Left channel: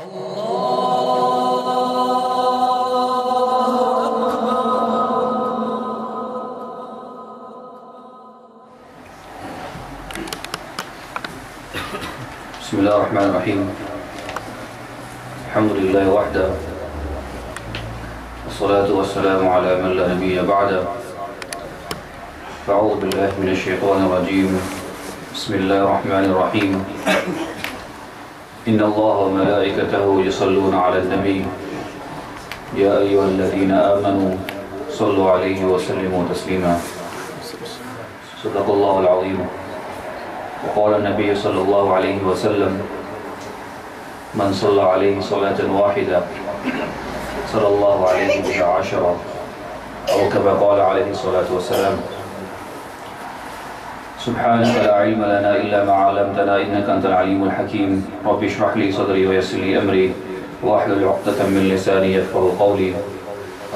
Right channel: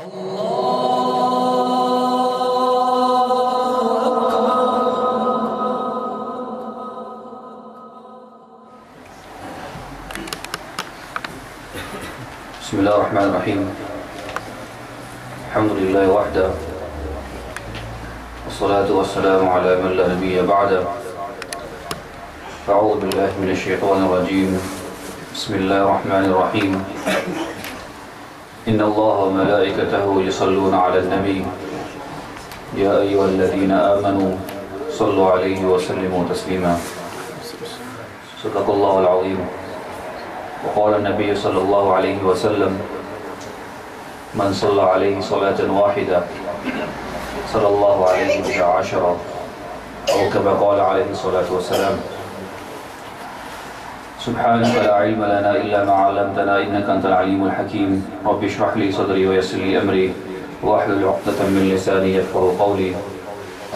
بسم الله الرحمن الرحيم. الحمد لله وحده والصلاة والسلام على من لا نبي بعده. فأعوذ بالله من الشيطان الرجيم. بسم الله الرحمن الرحيم. إن الله وملائكته يصلون على النبي يا أيها الذين آمنوا صلوا عليه وسلموا تسليما. صدق الله العظيم. وقال النبي صلى الله عليه وسلم من صلى عليه صلاة واحدة صلى الله عليه بها عشرة أو كما قال عليه الصلاة والسلام. سبحانك لا علم لنا إلا ما علمتنا إنك أنت العليم الحكيم. رب اشرح لي صدري ويسر لي أمري واحلل عقدة من لساني يفقهوا قولي.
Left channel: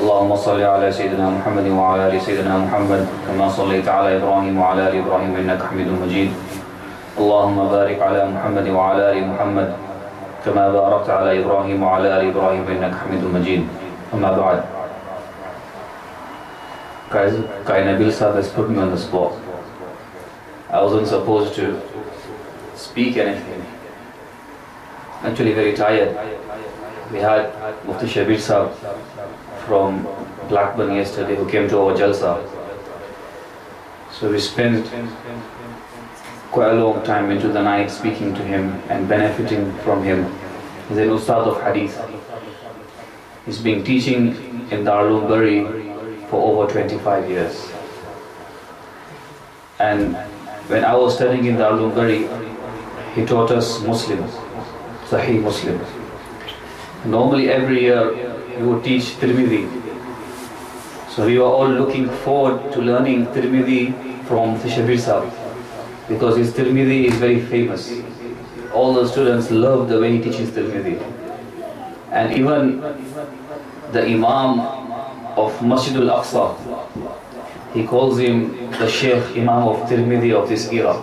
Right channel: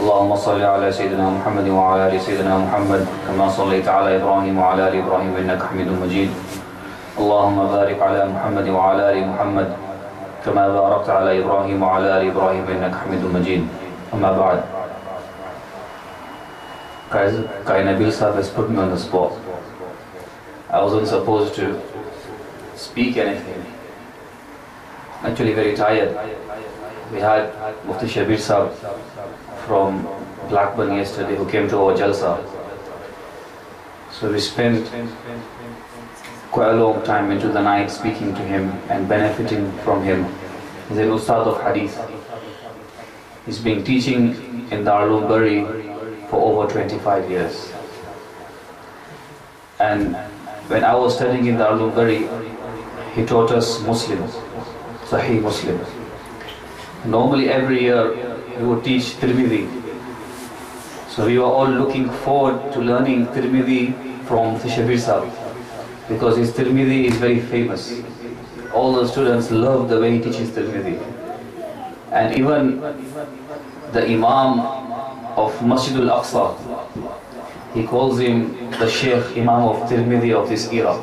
اللهم صل على سيدنا محمد وعلى آل سيدنا محمد كما صليت على إبراهيم وعلى آل إبراهيم إنك حميد مجيد. اللهم بارك على محمد وعلى آل محمد كما باركت على إبراهيم وعلى آل إبراهيم إنك حميد مجيد. أما بعد. Guys, Nabil Sahib has put me on the spot. I wasn't supposed to speak anything. Actually very tired. We had Mufti Shabir Sahib from Blackburn yesterday who came to our Jalsa. So we spent quite a long time into the night speaking to him and benefiting from him. He's an Ustad of Hadith. He's been teaching in Darul Bari for over 25 years. And when I was studying in Darul Bari, he taught us Muslim, Sahih Muslim. Normally every year he would teach Tirmidhi. So we were all looking forward to learning Tirmidhi from Shabir Sahib, because his Tirmidhi is very famous. All the students love the way he teaches Tirmidhi. And even the Imam of Masjid al-Aqsa, he calls him the Sheikh Imam of Tirmidhi of this era.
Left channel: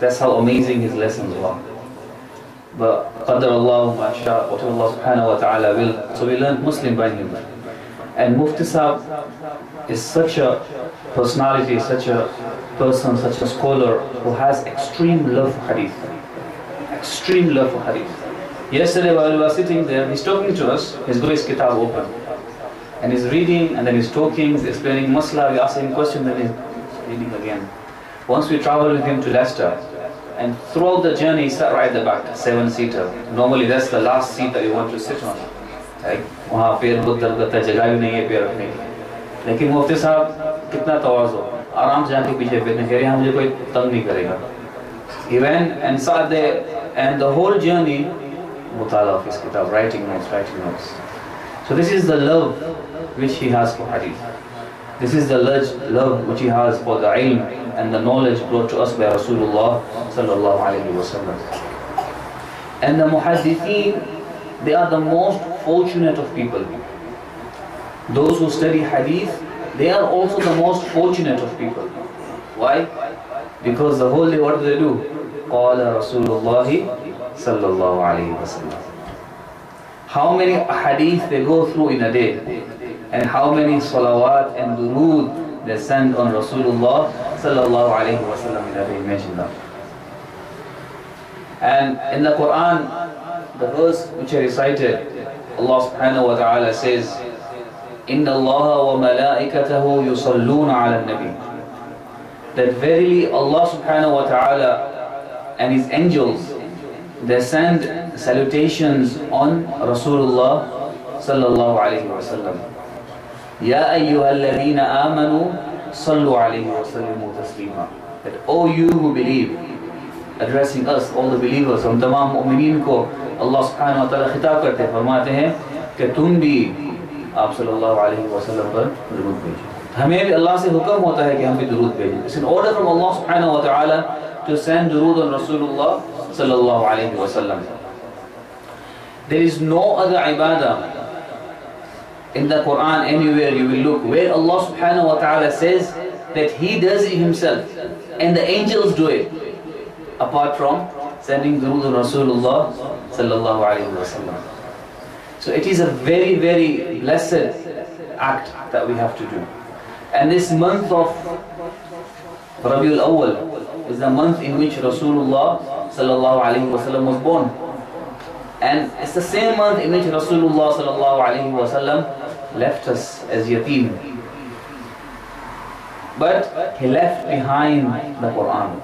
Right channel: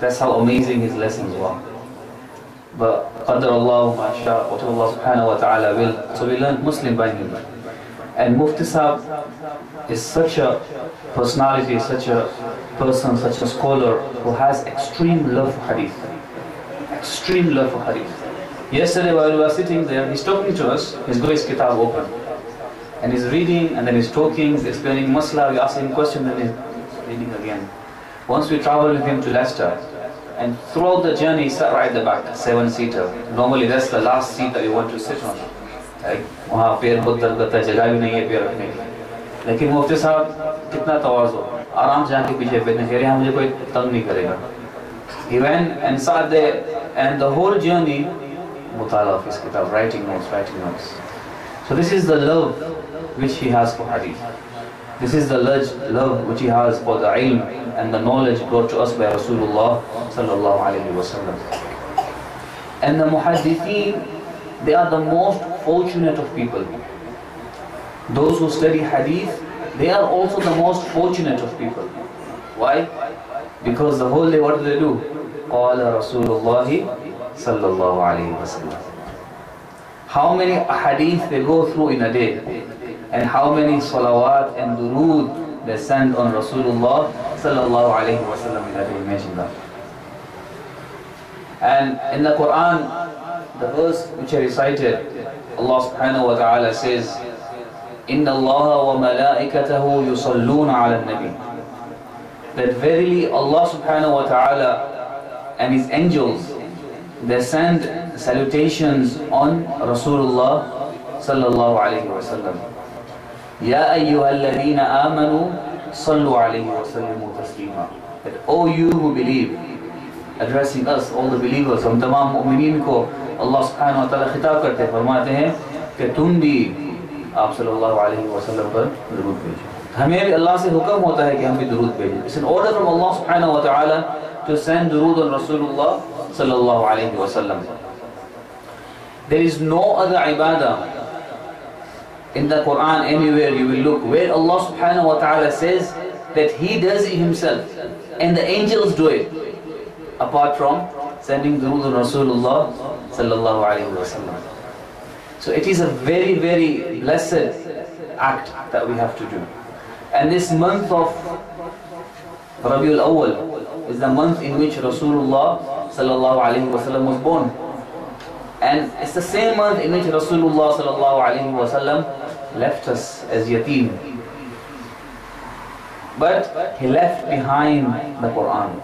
That's how amazing his lessons were. But Qadar Allah Masha, what Allah subhanahu wa ta'ala will. So we learned Muslim by him. And Mufti Sahib is such a personality, such a person, such a scholar who has extreme love for hadith. Extreme love for hadith. Yesterday while we were sitting there, he's talking to us, he's got his kitab open. And he's reading, and then he's talking, he's explaining masla, we ask him questions, and he's reading again. Once we traveled with him to Leicester, and throughout the journey he sat right at the back, 7-seater. Normally that's the last seat that you want to sit on. वहाँ पैर बहुत दर्द करता है, जगह भी नहीं है पैर रखने की. लेकिन मुफ्ती साहब कितना तवाज़ु, आराम से जाके पीछे बैठने, कह रहे हैं मुझे कोई तंग नहीं करेगा. He went and sat there, and the whole journey mutala of his kitab, writing notes. So this is the love which he has for hadith. This is the love which he has for the ilm and the knowledge brought to us by Rasulullah sallallahu alaihi wasallam. And the muhaddithin, they are the most fortunate of people. Those who study hadith, they are also the most fortunate of people. Why? Because the whole day, what do they do? قال رسول الله صلى الله عليه وسلم. How many hadith they go through in a day, and how many salawat and durood they send on Rasulullah sallallahu alaihi wasallam in a day. Imagine that. And in the Quran, the verse which I recited, Allah subhanahu wa ta'ala says, Inna Allah wa malaikatahu yusalluna ala nabi. That verily Allah subhanahu wa ta'ala and his angels, they send salutations on Rasulullah sallallahu alayhi wa sallam. Ya ayyuhalladhina amanu sallu alayhi wa sallimu taslima. That all you who believe, addressing us, all the believers, हम तमाम मुमिनीन को Allah subhanahu wa ta'ala खिताब करते हैं, फरमाते हैं कि तुम भी आप सल्लल्लाहु अलैहि वसल्लम पर दुरूद भेजो. हमें भी अल्लाह से हुक्म होता है कि हम भी दुरूद भेजें. It's an order from Allah subhanahu wa ta'ala to send durood on Rasulullah sallallahu alaihi wasallam. There is no other ibadah in the Quran anywhere you will look where Allah subhanahu wa ta'ala says that He does it Himself and the angels do it, apart from sending durood on Rasulullah sallallahu alaihi wasallam. So it is a very, very blessed act that we have to do. And this month of Rabiul Awwal is the month in which Rasulullah sallallahu alaihi wasallam was born. And it's the same month in which Rasulullah sallallahu alaihi wasallam left us as yatim. But he left behind the Quran.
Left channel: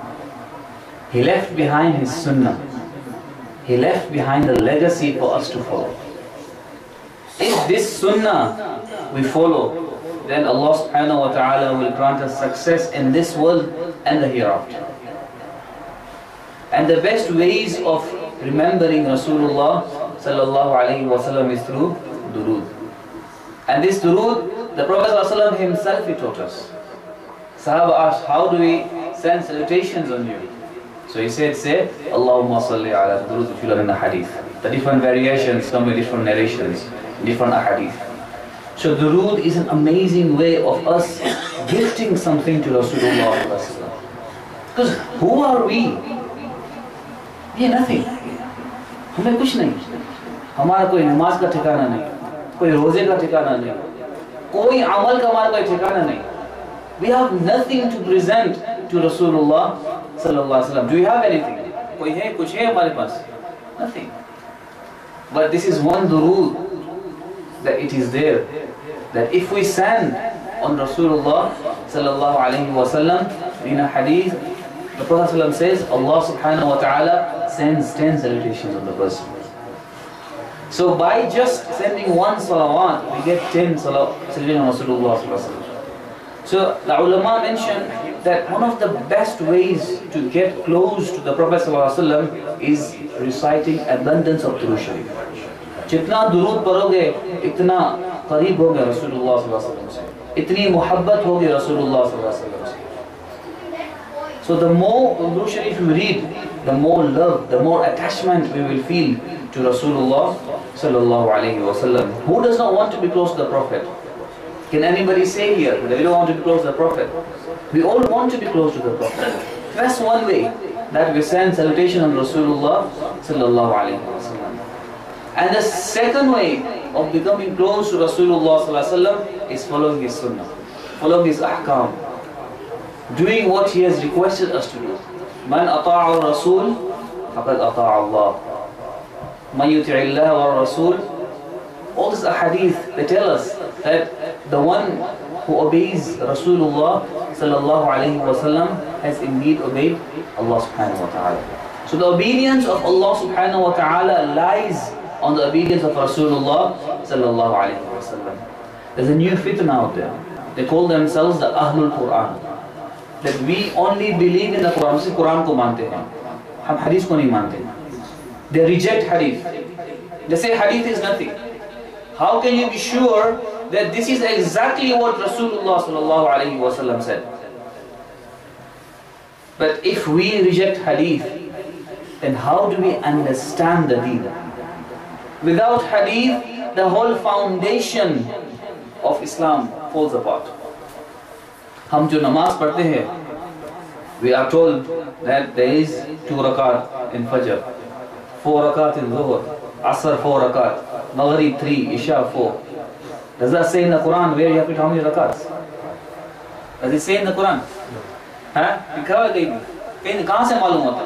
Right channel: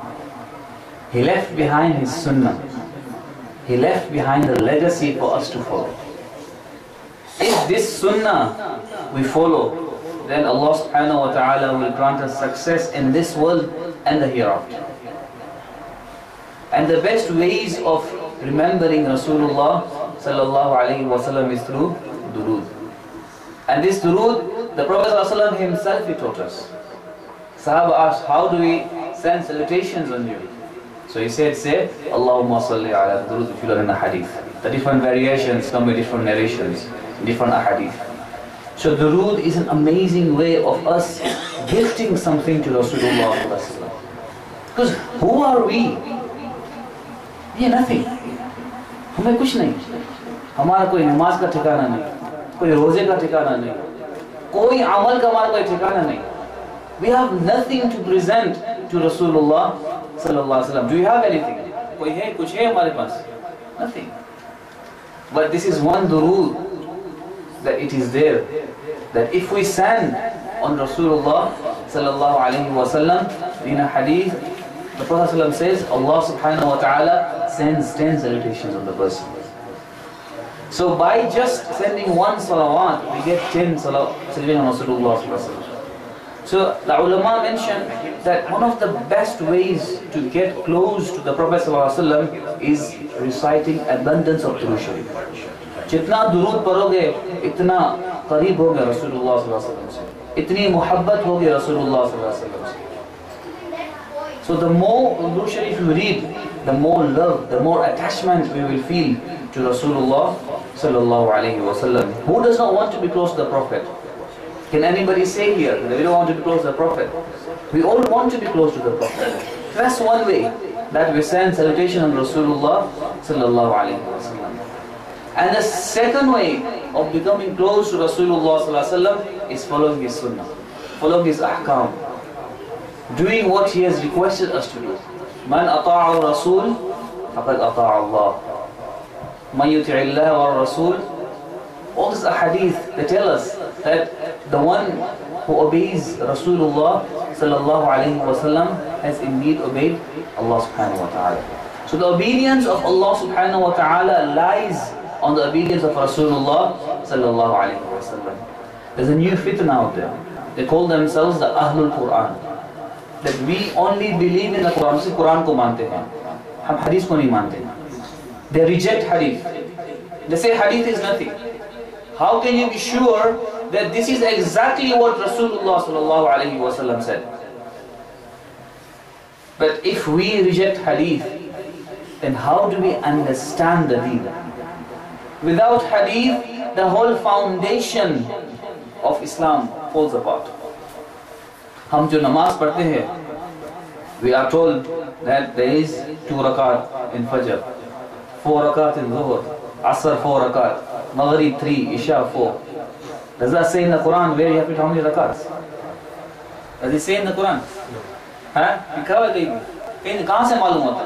He left behind his sunnah. He left behind a legacy for us to follow. If this sunnah we follow, then Allah subhanahu wa ta'ala will grant us success in this world and the hereafter. And the best ways of remembering Rasulullah sallallahu alaihi wasallam is through durood. And this durood, the Prophet sallallahu alaihi wasallam himself he taught us. Sahaba asked, how do we send salutations on you? So he said, say, Allahumma salli ala durood, if you learn in the hadith. The different variations come with different narrations, different ahadith. So durood is an amazing way of us gifting something to Rasulullah. Because who are we? We are nothing. हमें कुछ नहीं. हमारा कोई नमाज का ठिकाना नहीं, कोई रोजे का ठिकाना नहीं, कोई अमल का हमारा कोई ठिकाना नहीं. We have nothing to present to Rasulullah sallallahu alaihi wasallam. Do you have anything? कोई है, कुछ है हमारे पास? Nothing. But this is one durood that it is there, that if we send on Rasulullah sallallahu alaihi wasallam, in a hadith, the Prophet ﷺ says, Allah subhanahu wa ta'ala sends 10 salutations on the person. So by just sending one salawat, we get 10 salutations on Rasulullah sallallahu alaihi wasallam. So the ulama mentioned that one of the best ways to get close to the Prophet ﷺ is reciting abundance of durood sharif. जितना दुरूद पढ़ोगे इतना करीब होगे रसूलुल्लाह सल्लल्लाहु अलैहि वसल्लम से, इतनी मोहब्बत होगी रसूलुल्लाह सल्लल्लाहु अलैहि वसल्लम से. So the more durood sharif you read, the more love, the more attachment we will feel to Rasulullah sallallahu alaihi wasallam. Who does not want to be close to the Prophet? Can anybody say here that we don't want to be close to the Prophet? We all want to be close to the Prophet. That's one way that we send salutation on Rasulullah sallallahu alaihi wasallam. And the second way of becoming close to Rasulullah sallallahu alaihi wasallam is following his sunnah, following his ahkam, doing what he has requested us to do. Man ata'a Rasul faqad ata'a Allah. Man yuti'i Allah wa Rasul. All these ahadith, they tell us that the one who obeys Rasulullah sallallahu alaihi wasallam has indeed obeyed Allah subhanahu wa ta'ala. So the obedience of Allah subhanahu wa ta'ala lies on the obedience of Rasulullah sallallahu alaihi wasallam. There's a new fitna out there. They call themselves the Ahlul Quran. That we only believe in the Quran. सिर्फ कुरान को मानते हैं, हम हदीस को नहीं मानते. They reject hadith. They say hadith is nothing. How can you be sure that this is exactly what Rasulullah sallallahu alaihi wasallam said? But if we reject hadith, then how do we understand the deen? Without hadith, the whole foundation of Islam falls apart. हम जो नमाज पढ़ते हैं, we are told that there is 2 rakat in Fajr, 4 rakat in Dhuhr, Asr 4 rakat, Maghrib 3, Isha 4. Does that say in the Quran where you have to how many rakats? Does it say in the Quran? हाँ? कहाँ से मालूम होता?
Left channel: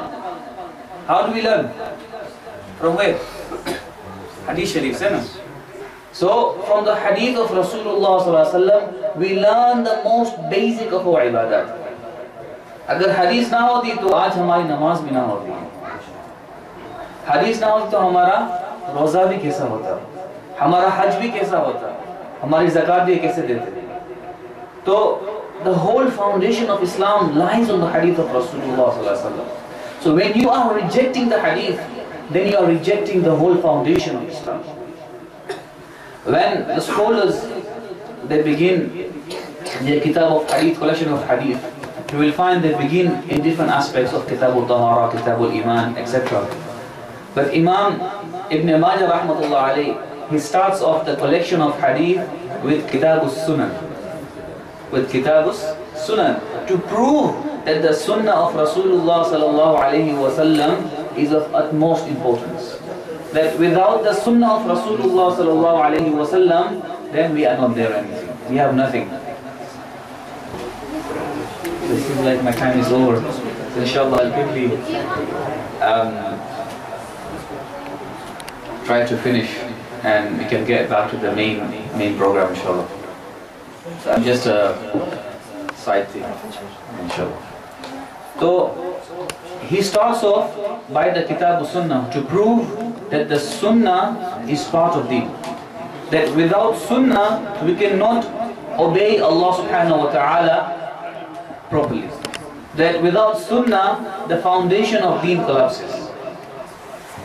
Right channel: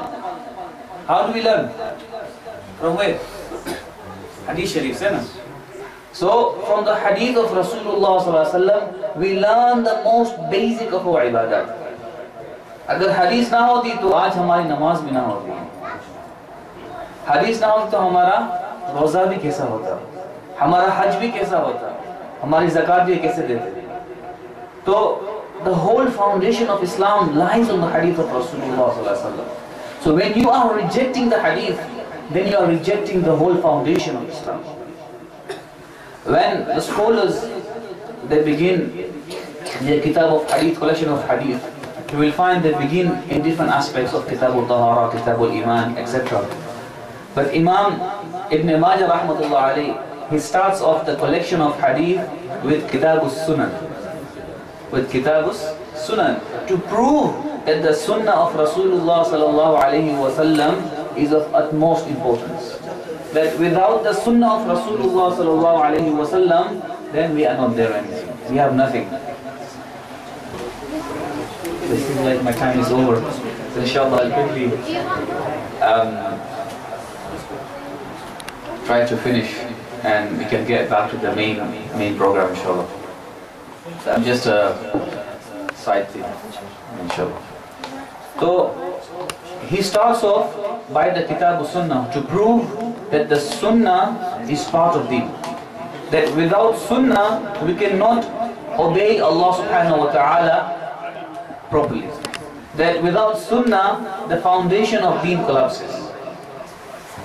How do we learn? From where? Hadith Sharif से ना? So from the hadith of Rasulullah sallallahu alaihi wasallam, we learn the most basic of our ibadat. अगर hadith ना होती तो आज हमारी नमाज भी ना होती. hadith ना होती तो हमारा रोज़ा भी कैसा होता, हमारा हज भी कैसा होता, हमारी ज़कात भी कैसे देते. तो the whole foundation of Islam lies on the hadith of Rasulullah sallallahu alaihi wasallam. So when you are rejecting the hadith, then you are rejecting the whole foundation of Islam. When the scholars they begin their kitab of hadith, collection of hadith, you will find they begin in different aspects of kitab al-tahara, kitab al-iman, etc. But Imam Ibn Majah rahmatullah alayhi, he starts off the collection of hadith with kitab al-sunan, to prove that the sunnah of Rasulullah sallallahu alayhi wasallam is of utmost importance. that without the sunnah of Rasulullah sallallahu alayhi wa sallam, then we are not there anything. We have nothing. It seems like my time is over. So inshallah I'll quickly try to finish and we can get back to the main program inshallah. So just a side thing inshallah. So he starts off by the Kitab Sunnah to prove that the Sunnah is part of Deen. That without Sunnah we cannot obey Allah subhanahu wa ta'ala properly. That without Sunnah the foundation of Deen collapses.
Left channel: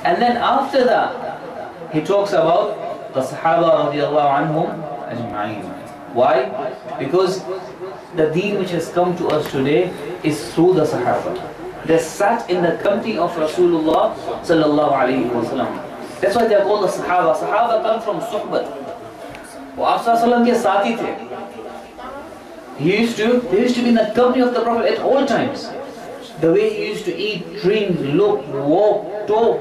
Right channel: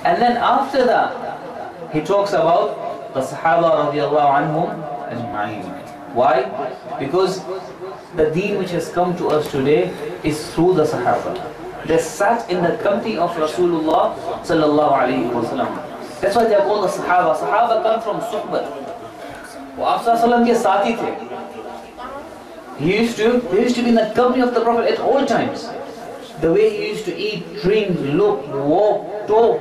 And then after that he talks about the Sahaba radiallahu anhum ajma'in. Why? Because the Deen which has come to us today is through the Sahaba. They sat in the company of Rasulullah sallallahu alayhi wa sallam. That's why they are called the Sahaba. Sahaba come from Suhbat. वो आप सल्लल्लाहु के साथी थे. They used to be in the company of the Prophet at all times. The way he used to eat, drink, look, walk, talk,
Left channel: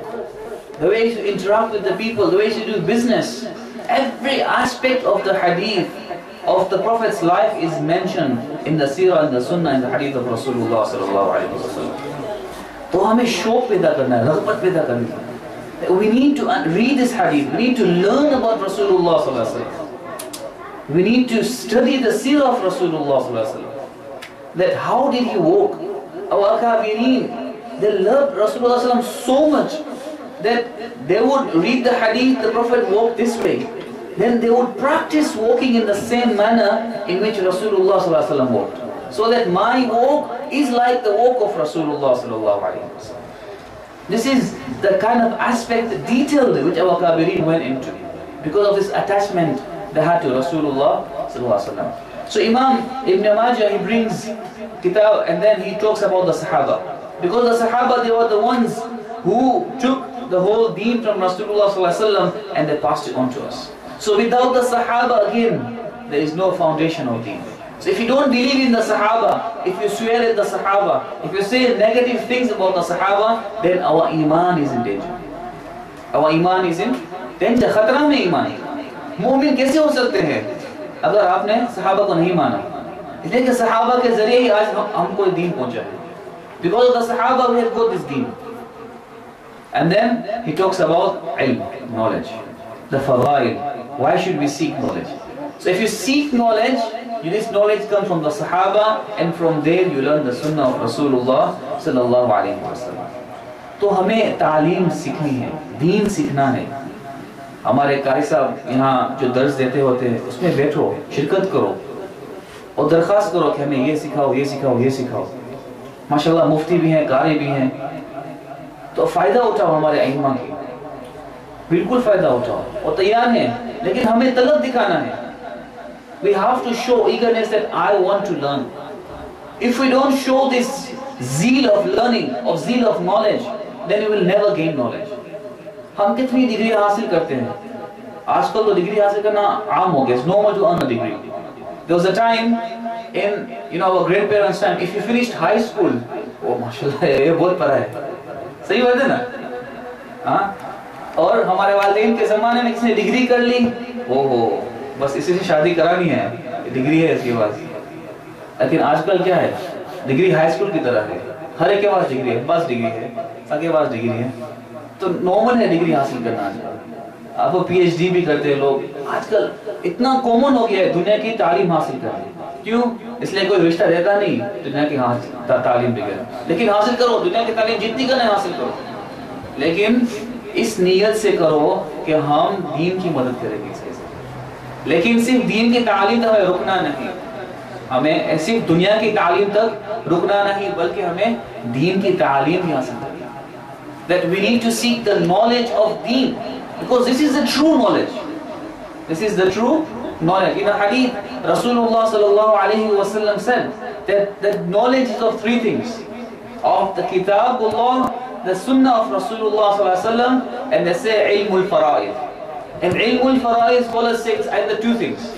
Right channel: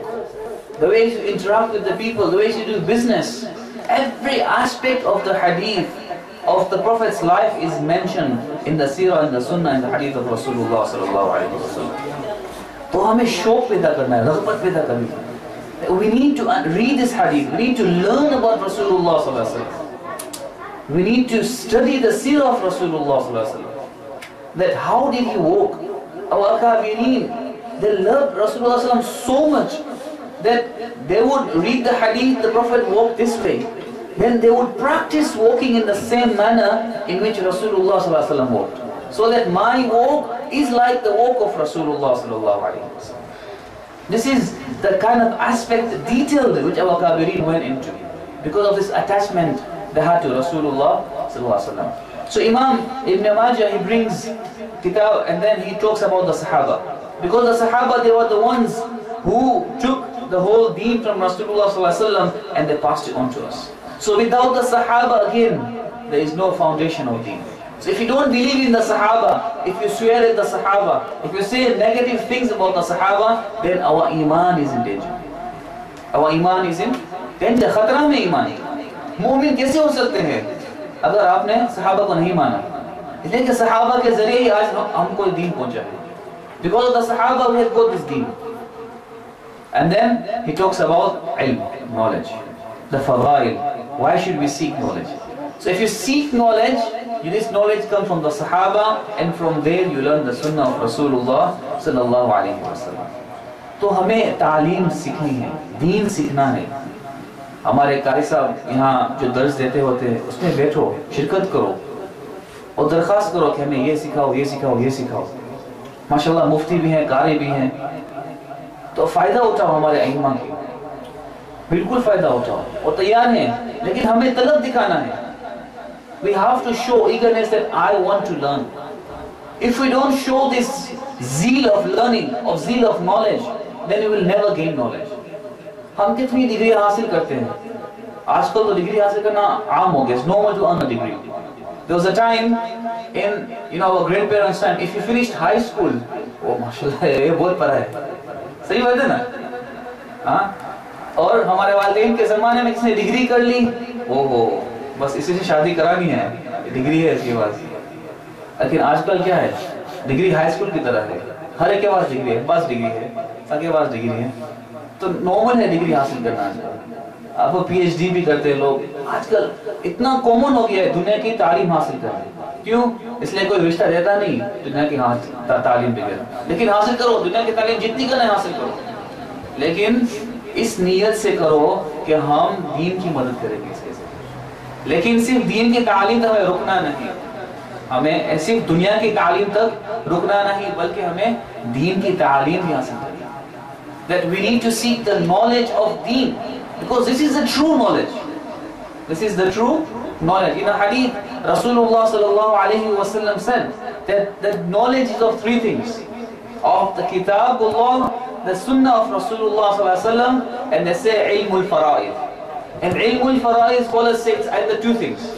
the way he used to interact with the people, the way he used to do business. Every aspect of the hadith of the Prophet's life is mentioned in the Seerah, in the Sunnah, in the hadith of Rasulullah sallallahu alaihi wasallam. तो हमें शौक पैदा करना है, रग़बत पैदा करनी है. We need to read this hadith. We need to learn about Rasulullah sallallahu alaihi wasallam. We need to study the Seerah of Rasulullah sallallahu alaihi wasallam. That how did he walk? Our Akabirin, they loved Rasulullah sallallahu alaihi wasallam so much that they would read the hadith, the Prophet walked this way. Then they would practice walking in the same manner in which Rasulullah sallallahu alaihi wasallam walked. So that my walk is like the walk of Rasulullah sallallahu alaihi wasallam. This is the kind of aspect, the detail which our Kabirin went into because of this attachment they had to Rasulullah sallallahu alaihi wasallam. So Imam Ibn Majah, he brings kitab and then he talks about the Sahaba. Because the Sahaba, they were the ones who took the whole deen from Rasulullah sallallahu alaihi wasallam and they passed it on to us. So without the Sahaba, again, there is no foundation of deen. So if you don't believe in the Sahaba, if you swear at the Sahaba, if you say negative things about the Sahaba, then our iman is in danger. Our iman is in danger. खतरा में ईमान है. मोमिन कैसे हो सकते हैं अगर आपने सहाबा को नहीं माना? इसलिए कि सहाबा के जरिए ही आज हमको दीन पहुंचा है. Because of the Sahaba we have got this deen. And then he talks about ilm, knowledge, the fadail. Why should we seek knowledge? So if you seek knowledge, this knowledge comes from the Sahaba, and from there you learn the Sunnah of Rasulullah sallallahu alaihi wasallam. तो हमें तालीम सीखनी है, दीन सीखना है. हमारे कारी साहब यहाँ जो दर्स देते होते हैं उसमें बैठो, शिरकत करो और दरख्वास्त करो कि हमें ये सिखाओ, ये सिखाओ, ये सिखाओ. माशाल्लाह मुफ्ती भी हैं, कारी भी हैं, तो फ़ायदा उठाओ हमारे अइम्मा की. बिल्कुल फ़ायदा उठाओ और तैयार हैं, लेकिन हमें तलब दिखाना है. We have to show eagerness that I want to learn. If we don't show this zeal of learning, of zeal of knowledge, then we will never gain knowledge. हम कितनी डिग्री हासिल करते हैं? आजकल तो डिग्री हासिल करना आम हो गया. It's normal to earn a degree. There was a time in our grandparents' time, if you finished high school, oh माशाल्लाह ये बहुत पढ़ा है. सही बात है ना? हाँ. और हमारे वालिदैन के ज़माने में किसने डिग्री कर ली? ओहो बस इसी से शादी करानी है, डिग्री है इसके पास. लेकिन आजकल क्या है? डिग्री हाई स्कूल की तरह है. हर एक के पास डिग्री है, बस डिग्री है, सबके पास डिग्री है. तो नॉर्मल है डिग्री हासिल करना. अब पीएचडी भी करते हैं लोग. आजकल इतना कॉमन हो गया है दुनिया की तालीम हासिल करना. क्यों? इसलिए कोई रिश्ता रहता नहीं दुनिया की तालीम बगैर. लेकिन हासिल करो, दुनिया की तालीम जितनी करना है हासिल करो, लेकिन इस नीयत से करो कि हम दीन की मदद करेंगे इसके. लेकिन सिर्फ दीन की तालीम तक हमें रुकना नहीं, हमें सिर्फ दुनिया की तालीम तक रुकना नहीं, बल्कि हमें दीन की तालीम भी हासिल करनी. That we need to seek the knowledge of deen, because this is the true knowledge. This is the true knowledge. In a hadith, Rasulullah sallallahu alaihi wasallam said that the knowledge is of three things: of the Kitabullah, the Sunnah of Rasulullah sallallahu alaihi wasallam, and they say ilmul fara'id. And ilmul fara'id, scholars say it's either two things.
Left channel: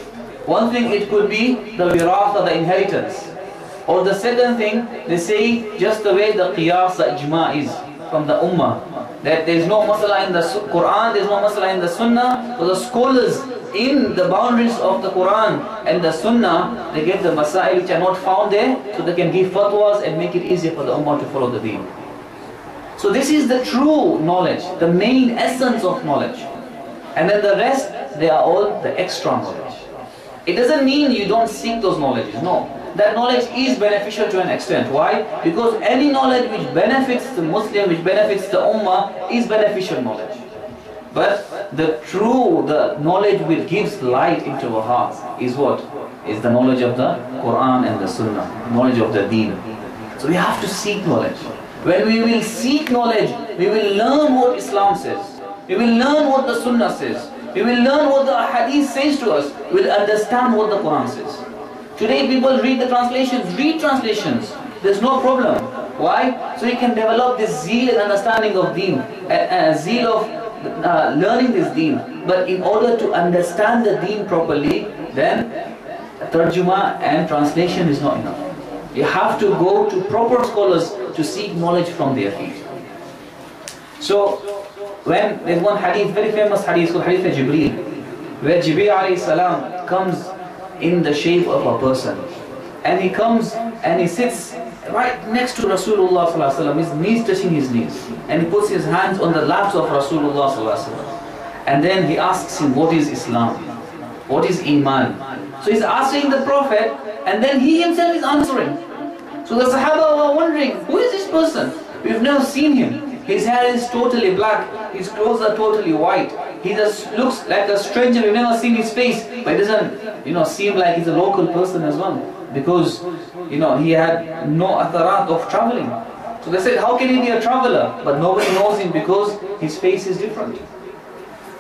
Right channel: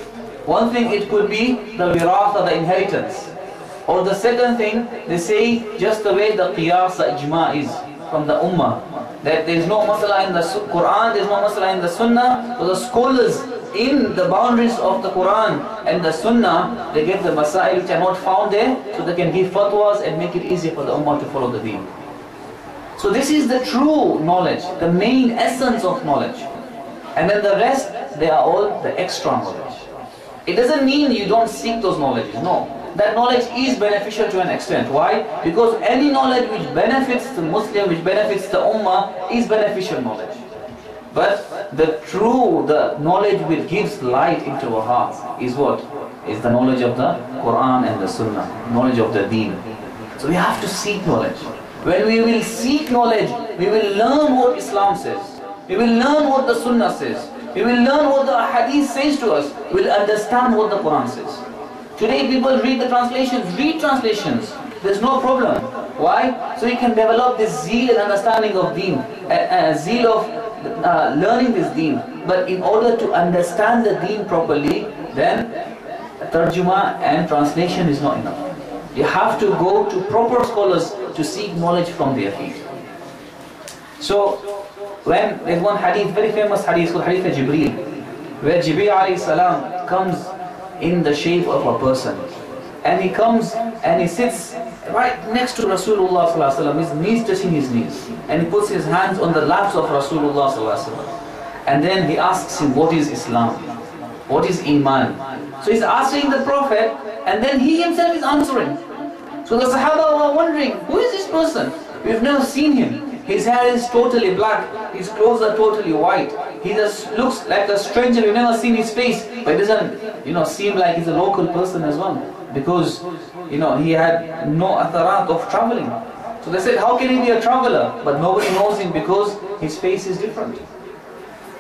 One thing, it could be the wiratha, the inheritance, or the second thing, they say just the way the qiyas, the ijma is. from the Ummah. That there is no masala in the Quran, there is no masala in the Sunnah. So the scholars in the boundaries of the Quran and the Sunnah, they get the masail which are not found there, so they can give fatwas and make it easier for the Ummah to follow the deen. So this is the true knowledge, the main essence of knowledge. And then the rest, they are all the extra knowledge. It doesn't mean you don't seek those knowledges, no. That knowledge is beneficial to an extent. Why? Because any knowledge which benefits the Muslim, which benefits the Ummah, is beneficial knowledge. But the knowledge which gives light into our hearts is what? Is the knowledge of the Quran and the Sunnah, knowledge of the Deen. So we have to seek knowledge. When we will seek knowledge, we will learn what Islam says. We will learn what the Sunnah says. We will learn what the Hadith says to us. We will understand what the Quran says. Today people read the translations. Read translations. There's no problem. Why? So you can develop this zeal and understanding of deen. Zeal of learning this deen. But in order to understand the deen properly, then tarjuma and translation is not enough. You have to go to proper scholars to seek knowledge from their feet. So, when there's one hadith, very famous hadith called Hadith of Jibreel, where Jibreel alayhi salam comes in the shape of a person, and he comes and he sits right next to Rasulullah sallallahu alaihi wasallam, his knees touching his knees, and he puts his hands on the laps of Rasulullah sallallahu alaihi wasallam, and then he asks him, what is Islam? What is Iman? So he's asking the Prophet, and then he himself is answering. So the Sahaba were wondering, who is this person? We've never seen him. His hair is totally black, his clothes are totally white. He just looks like a stranger, we've never seen his face, but it doesn't seem like he's a local person as well. Because he had no atharat of traveling. So they said, how can he be a traveler? But nobody knows him because his face is different.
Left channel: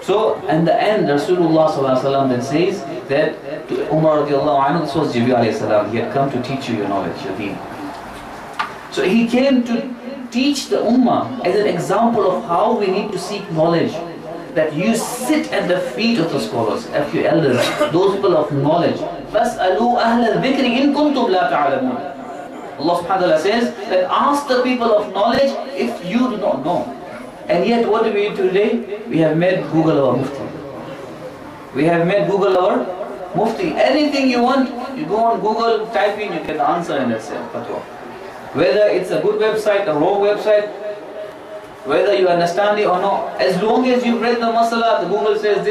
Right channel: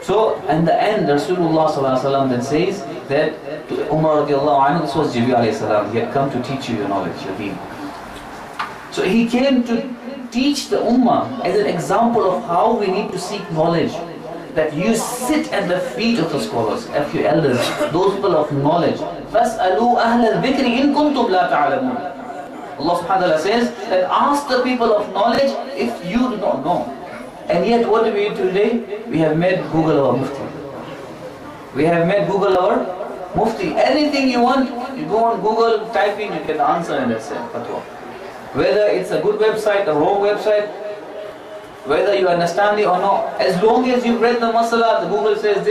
So in the end, Rasulullah sallallahu alaihi wasallam then says that to Umar radiallahu anhu, this was Jibreel alayhi salam, he had come to teach you your knowledge, your deen. So he came to teach the Ummah as an example of how we need to seek knowledge. That you sit at the feet of the scholars, of your elders, those people of knowledge. فَاسْأَلُوا أَهْلَ الذِّكْرِ إِن كُنْتُمْ لَا تَعْلَمُونَ. Allah subhanahu wa ta'ala says that ask the people of knowledge if you do not know. And yet what do we do today? We have made Google our mufti. We have made Google our mufti. Anything you want, you go on Google, type in, you get the answer and that's it. Whether it's a good website, a wrong website, whether you understand it or not, as long as you've read the masala, the Google says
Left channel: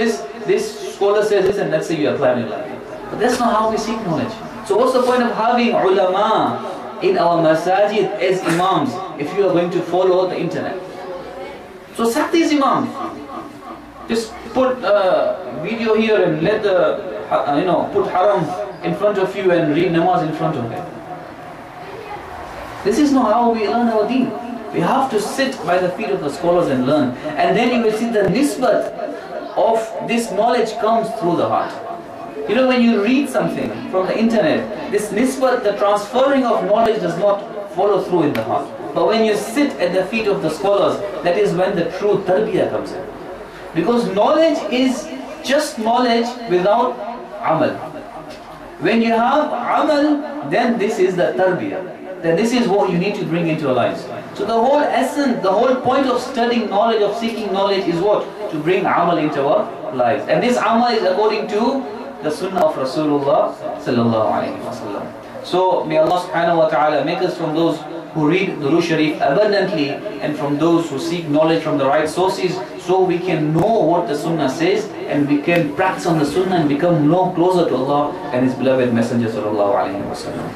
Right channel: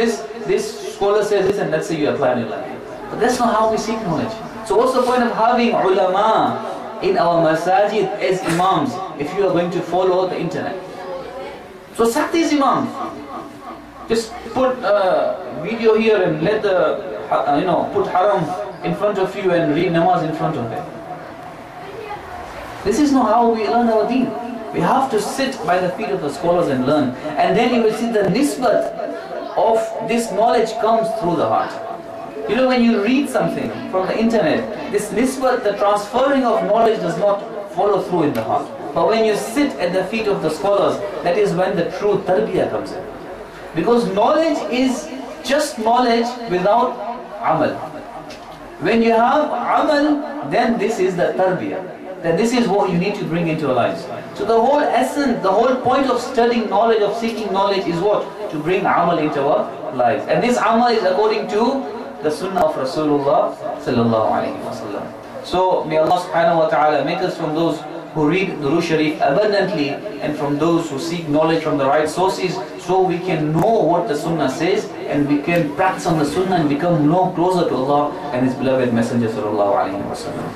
this scholar says this, and let's say you apply in your life. But that's not how we seek knowledge. So what's the point of having ulama in our masajid as imams if you are going to follow the internet? So sack these imams. Just put a video here and let put haram in front of you and read namaz in front of them. This is not how we learn our deen. We have to sit by the feet of the scholars and learn. And then you will see the nisbat of this knowledge comes through the heart. When you read something from the internet, this nisbat, the transferring of knowledge does not follow through in the heart. But when you sit at the feet of the scholars, that is when the true tarbiyah comes in. Because knowledge is just knowledge without amal. When you have amal, then this is the tarbiyah. Then this is what you need to bring into your lives. So the whole essence, the whole point of studying knowledge, of seeking knowledge is what? To bring amal into our lives. And this amal is according to the sunnah of Rasulullah sallallahu alaihi wasallam. So may Allah subhanahu wa ta'ala make us from those who read Durood Sharif abundantly and from those who seek knowledge from the right sources, so we can know what the sunnah says and we can practice on the sunnah and become more closer to Allah and His beloved Messenger sallallahu alaihi wasallam.